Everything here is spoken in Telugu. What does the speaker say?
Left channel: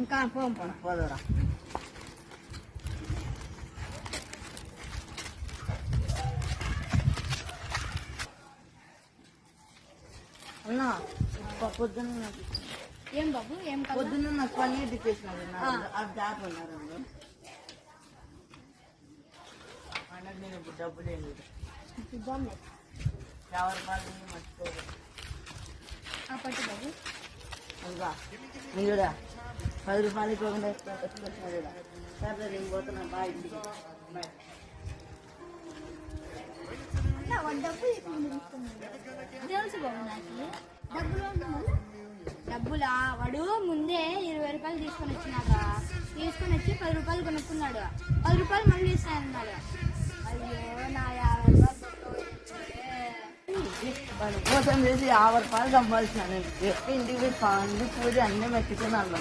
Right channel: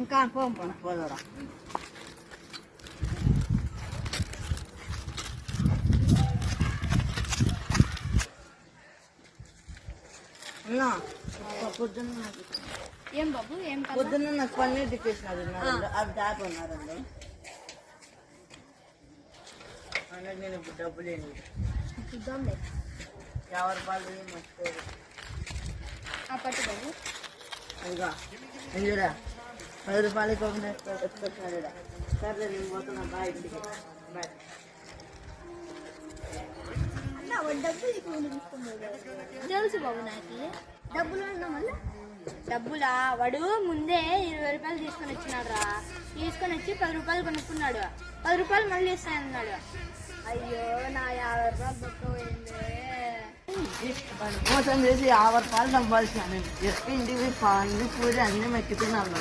ఇంకా పోదురా. పొద్దున్న ఏం బాబు ఏం పొద్దున్న నాకు పన్నీర్ టిక్కేసినారు అది దాటి ఉన్నారండి. అన్నది నేను ఇప్పుడు డబ్బులు ఏంటి చూద్దాంలే. 50 రూపాయలు మర్చిపోయారు. పట్టు బాబు ఇంకా ఇందులో 10 రూపాయలకి వచ్చేసిన సరే నేను పోతున్నా. Bye bye. తెలుసు బాబు నాకు డబ్బులు డబ్బులా వాడు ముందే 20 రూపాయలు తీసుకొని వచ్చినాడు రా. తీసుకొని వచ్చి 10 రూపాయలు కొనుక్కున్నాడు. 10 రూపాయలు మళ్ళీ ఇస్తానన్నాడు. అయ్యో నా 50 మోసం చేసి 50 రూపాయలు సంపాదించినాను. ఇంటికి పండి పూజ అన్నీ మెక్కుతున్నాను.